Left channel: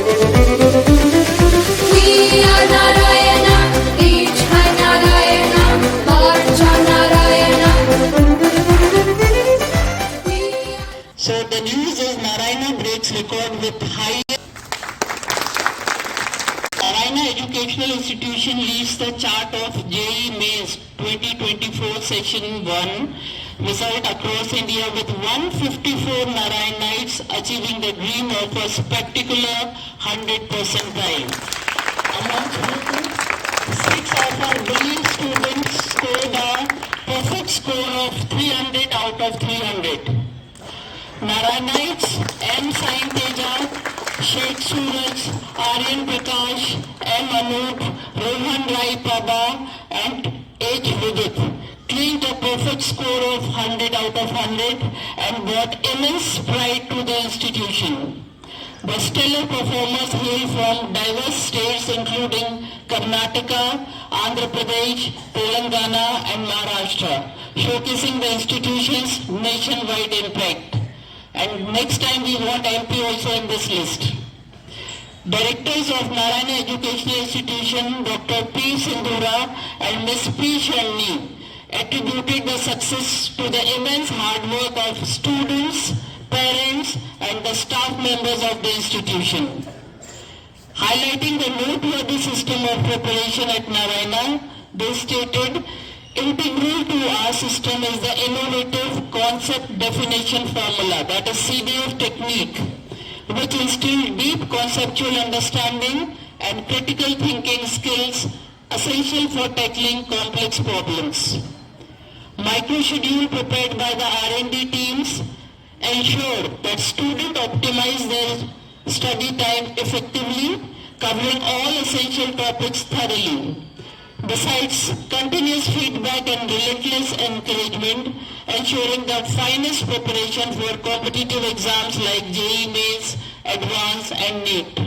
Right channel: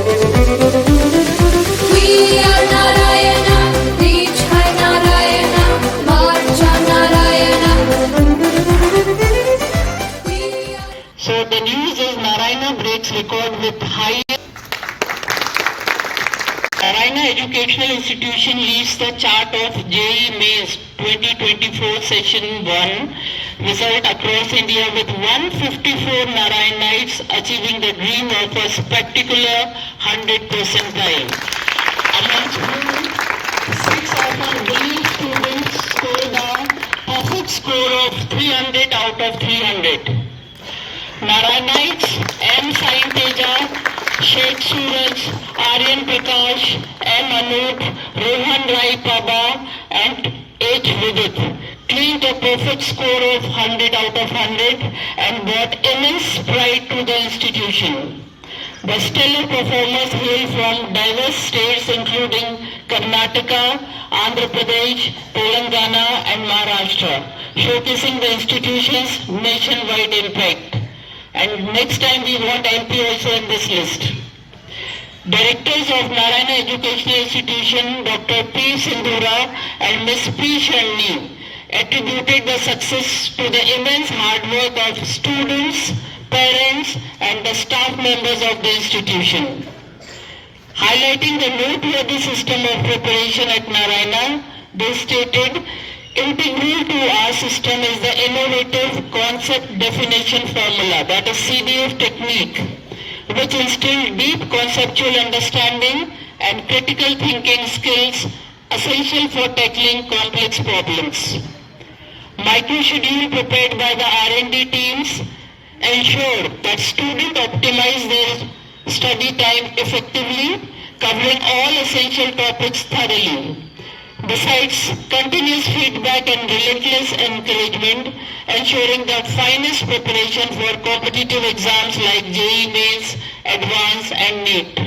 So the news is Narayana breaks record with high. Narayana Educational Institution leads the chart of JEE Mains 2024 Session 1 result across India with 154 Narayanites achieving the dream of a spectacular 100 percentile. Amongst whom 6 of our brilliant students scored a perfect score of 300 out of 300. Narayanites M. Sain Teja, Sheikh Suraj, Aryan Prakash, M. Anup, Rohan Rai Prabha and H. Vidit claimed a perfect score of 100 out of 100 and brought immense pride to the institution. The stellar performers hail from diverse states including Karnataka, Andhra Pradesh, Telangana and Maharashtra, showcasing the institution's nationwide impact. And next time we want MP also in this list. Directors of Narayana Educational Institution, Dr. P. Sindhura and Ms. P. Shalini, attributed the success to the immense hard work of students, parents and the staff members of the institution. Highlighting the noteworthy system of preparation at Narayana, they stated, integral to our system is the innovative concept definition formula, that is CDF technique, which instills deep conceptual understanding and critical thinking skills essential for tackling complex problems. Microschedule prepared by the R&D teams ensure that students optimize their study time effectively, covering all essential topics thoroughly. Besides continuous feedback and relentless encouragement, ensuring the finest preparation for competitive exams like JEE Mains, Advanced and NEET.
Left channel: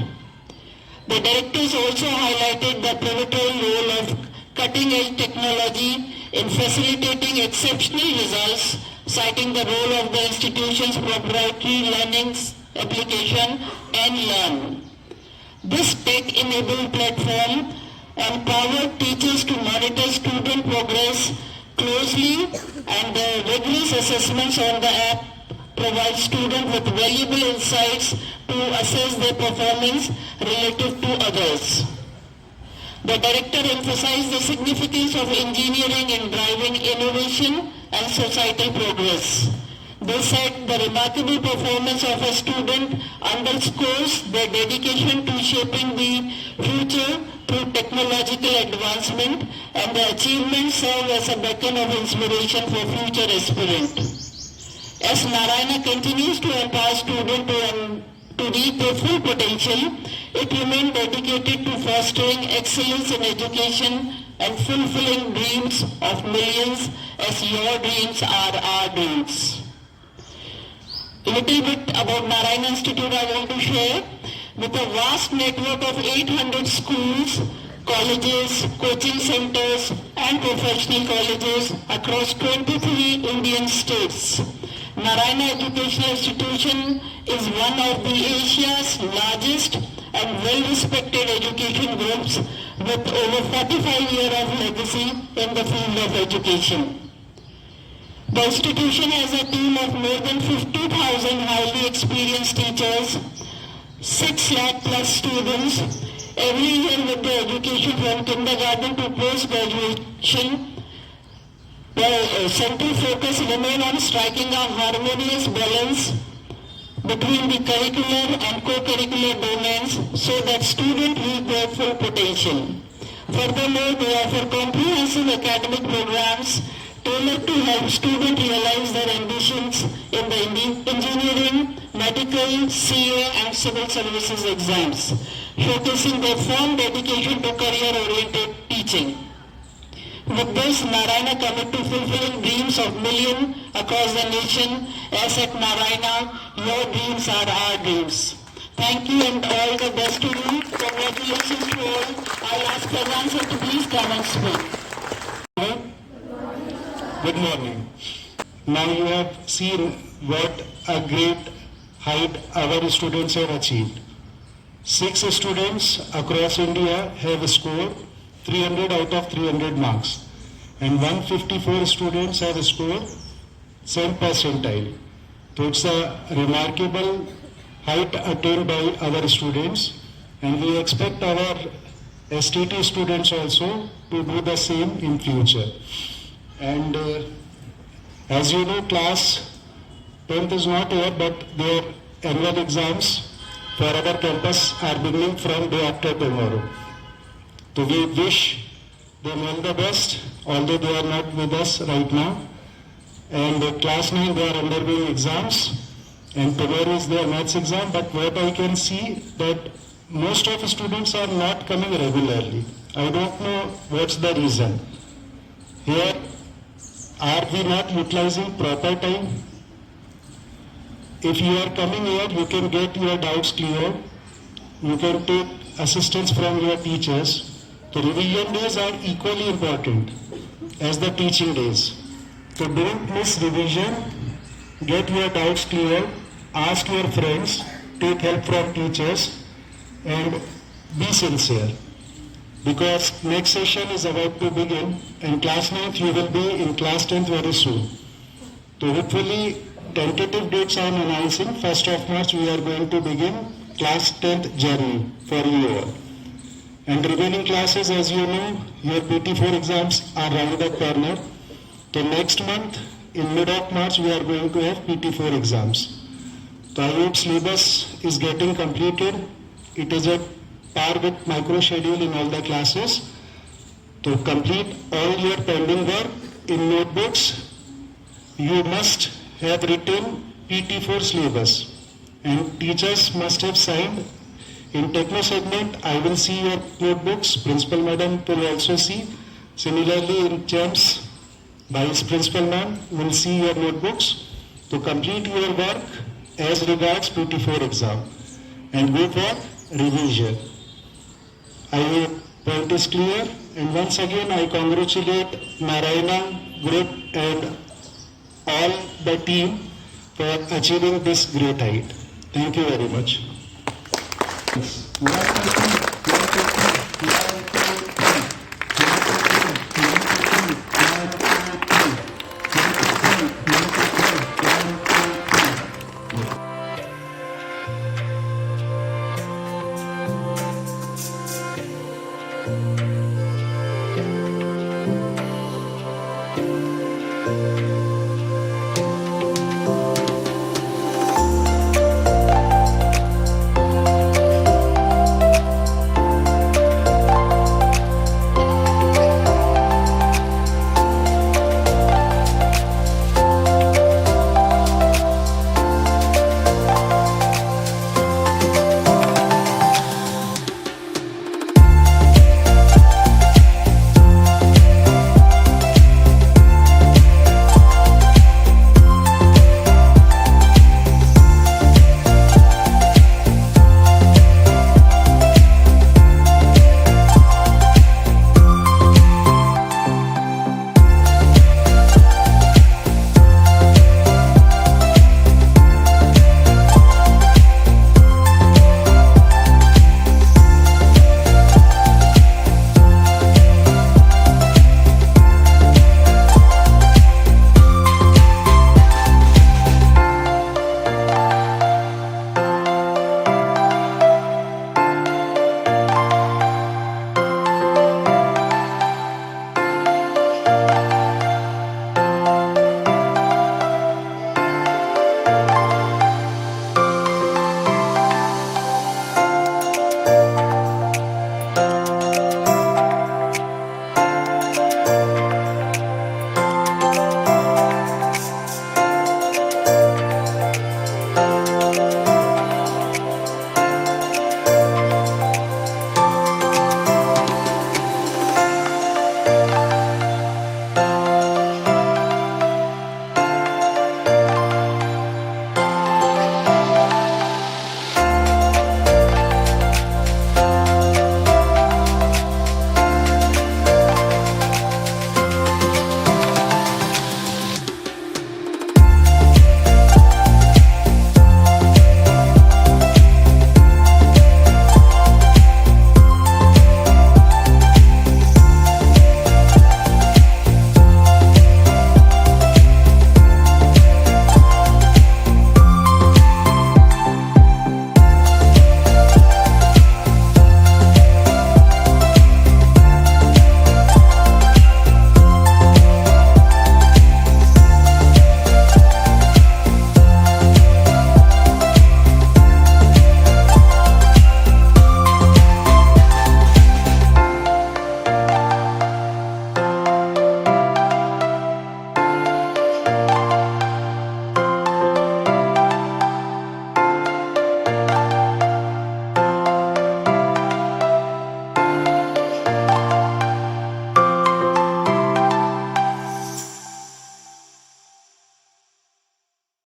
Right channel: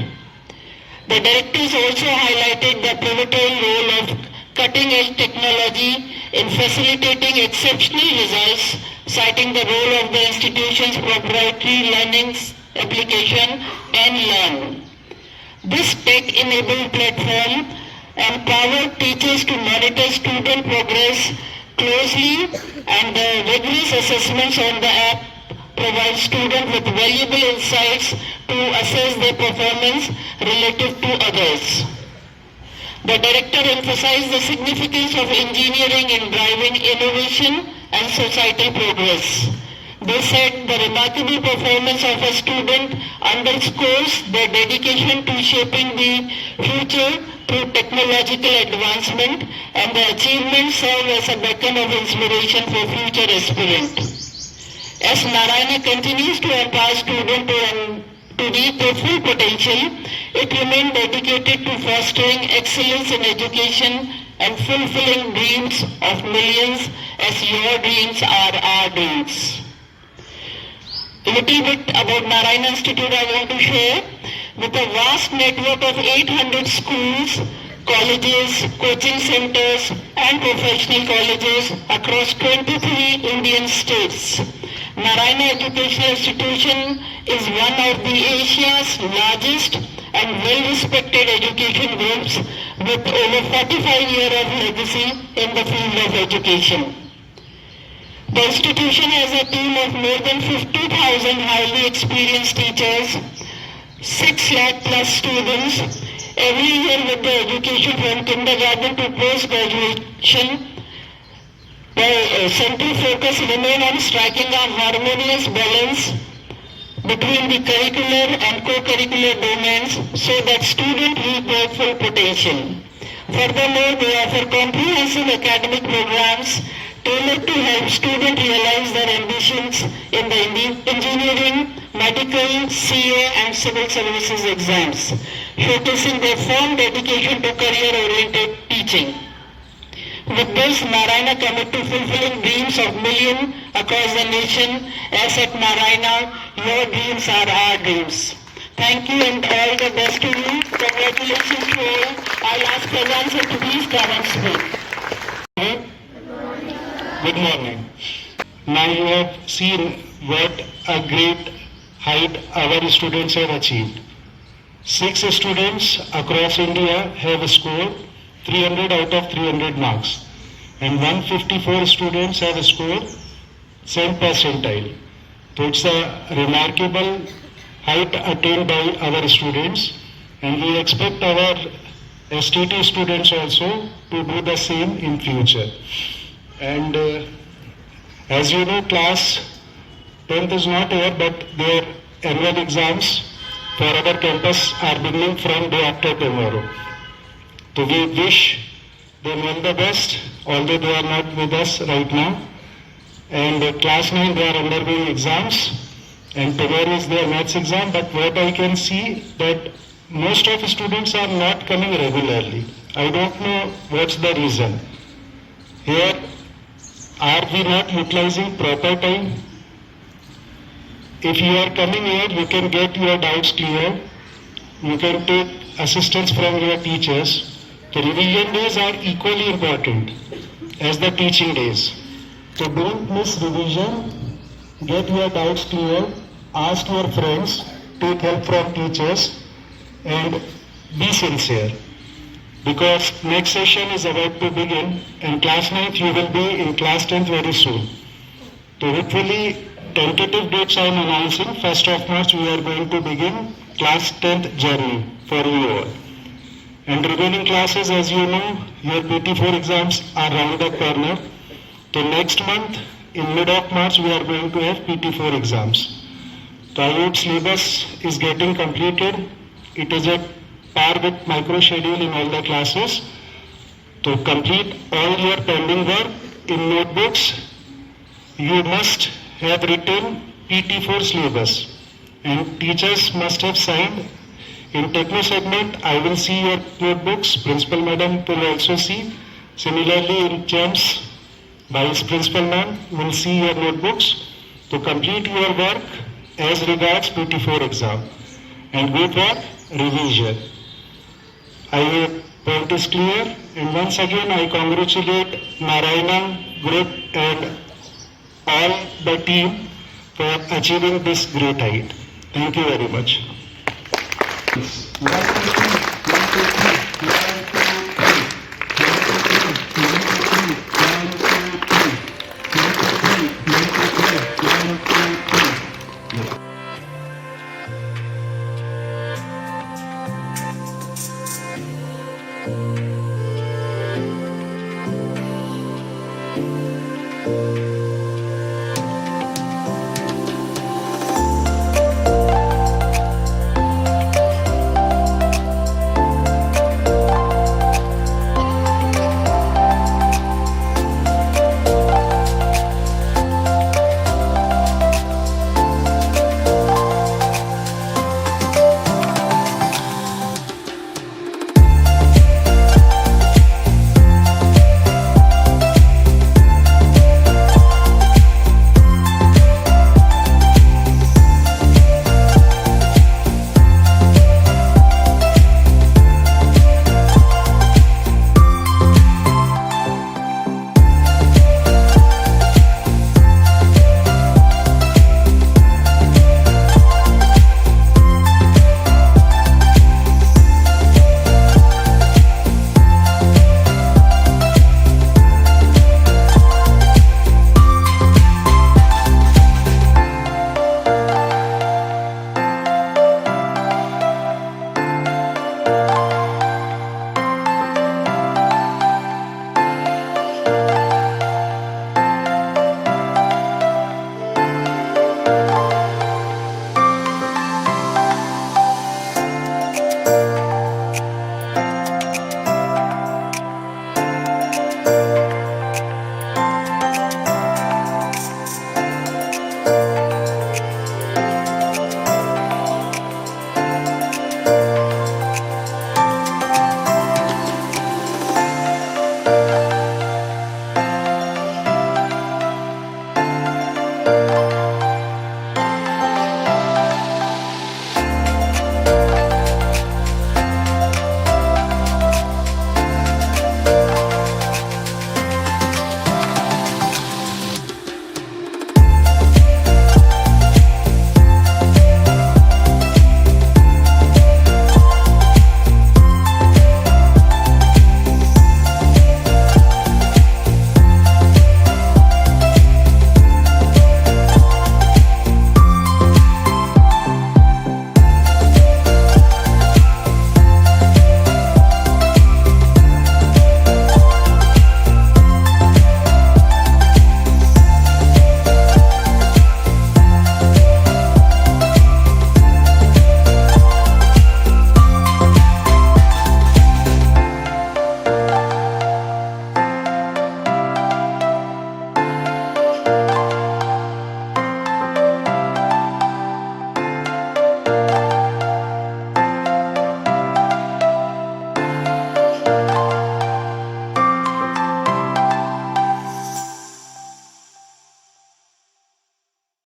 The directors also highlighted the pivotal role of cutting-edge technology in facilitating exceptional results, citing the role of the institution's proprietary learning application N-Learn. This tech-enabled platform empowered teachers to monitor student progress closely, and the rigorous assessments on the app provide students with valuable insights to assess their performance relative to others. The director emphasized the significance of engineering in driving innovation and societal progress. They said the remarkable performance of a student underscores their dedication to shaping the future through technological advancement, and the achievements serve as a beacon of inspiration for future aspirants. As Narayana continues to empower students to reach their full potential, it remains dedicated to fostering excellence in education and fulfilling dreams of millions, as your dreams are our dreams. A little bit about Narayana Institute I want to share. With a vast network of 800 schools, colleges, coaching centers and professional colleges across 23 Indian states, Narayana Educational Institution is one of the Asia's largest and well-respected education groups with over 45 years of legacy in the field of education. The institution has a team of more than 50,000 highly experienced teachers, 6 lakh plus students every year with the education from kindergarten to post-graduation. The central focus remains on striking a harmonious balance between the curricular and co-curricular domains so that students reach their full potential. Furthermore, they offer comprehensive academic programs tailored to help students realize their ambitions in the engineering, medical, CA and civil services exams, showcasing their firm dedication to career-oriented teaching. With this, Narayana commit to fulfilling dreams of millions across the nation. As at Narayana, your dreams are our dreams. Thank you and all the best to you. Congratulations to all. I'll ask Faizan sir to please come and speak. Good morning. Now you have seen what a great height our students have achieved. 6 students across India have scored 300 out of 300 marks, and 154 students have scored same percentile. So it's a remarkable height attained by our students, and we expect our STT students also to do the same in future. And as you know, class 10th is not here, but their annual exams for our campus are beginning from day after tomorrow. So we wish them all the best, although they are not with us right now. And class 9, they are undergoing exams, and tomorrow is their maths exam. But what I can see that most of the students are not coming regularly. I don't know what's the reason. Here, are we not utilizing proper time? If you are coming here, you can get your doubts clear. You can take assistance from your teachers. The revision days are equally important as the teaching days. So don't miss revision. Get your doubts clear. Ask your friends. Take help from teachers. And be sincere. Because next session is about to begin, and class 9th you will be in class 10th very soon. So hopefully, tentative dates I am announcing. 1st of March we are going to begin class 10th journey for you all. And remaining classes, as you know, your PT4 exams are round the corner. So next month, in mid of March, we are going to have PT4 exams. The IELTS syllabus is getting completed. It is at par with micro schedule in all the classes. To complete all your pending work in notebooks, you must have written PT4 syllabus, and teachers must have signed. In techno segment, I will see your notebooks. Principal Madam will also see. Similarly, in CHEMS, Vice Principal Ma'am will see your notebooks to complete your work as regards PT4 exam. And good work, revision. I hope point is clear, and once again I congratulate Narayana Group and all the team for achieving this great height. Thank you very much.